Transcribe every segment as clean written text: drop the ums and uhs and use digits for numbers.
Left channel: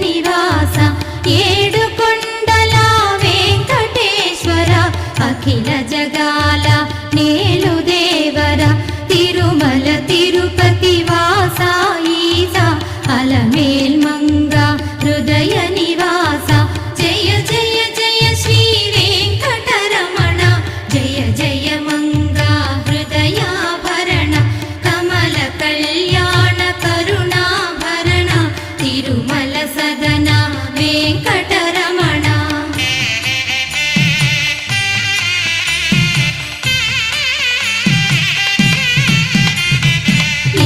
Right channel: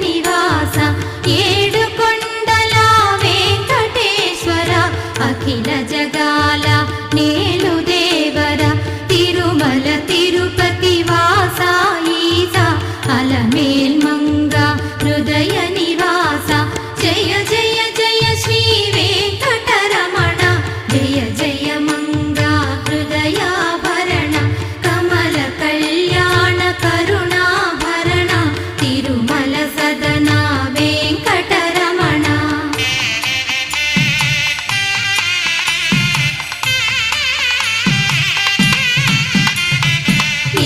నివాస ఏడుకొండల వెంకటేశ్వర అఖిల జగాల నేలు దేవర తిరుమల తిరుపతి వాస ఈస అలమేల్ మంగ హృదయ నివాస జయ జయ జయ శ్రీ వెంకటరమణ జయ జయ మంగ హృదయాభరణ కమల కళ్యాణ కరుణాభరణ తిరుమల సదన వెంకటరమణ.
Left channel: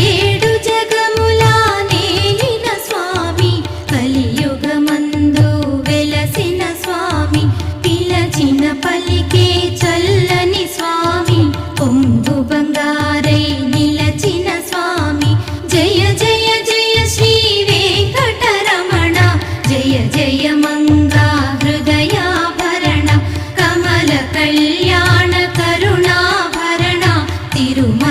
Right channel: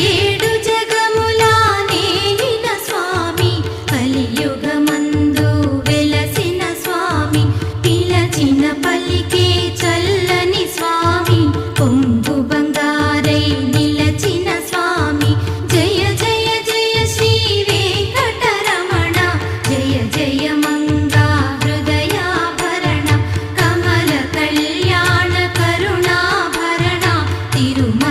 ఏడు జగముల నేలిన స్వామి కలియుగమందు వెలసిన స్వామి పిలచిన పలికే చల్లని స్వామి పొంగు బంగారై నిలచిన స్వామి జయ జయ జయ శ్రీ వెంకటరమణ జయ జయ మంగా హృదయాభరణ కమల కళ్యాణ కరుణాభరణ తిరుమల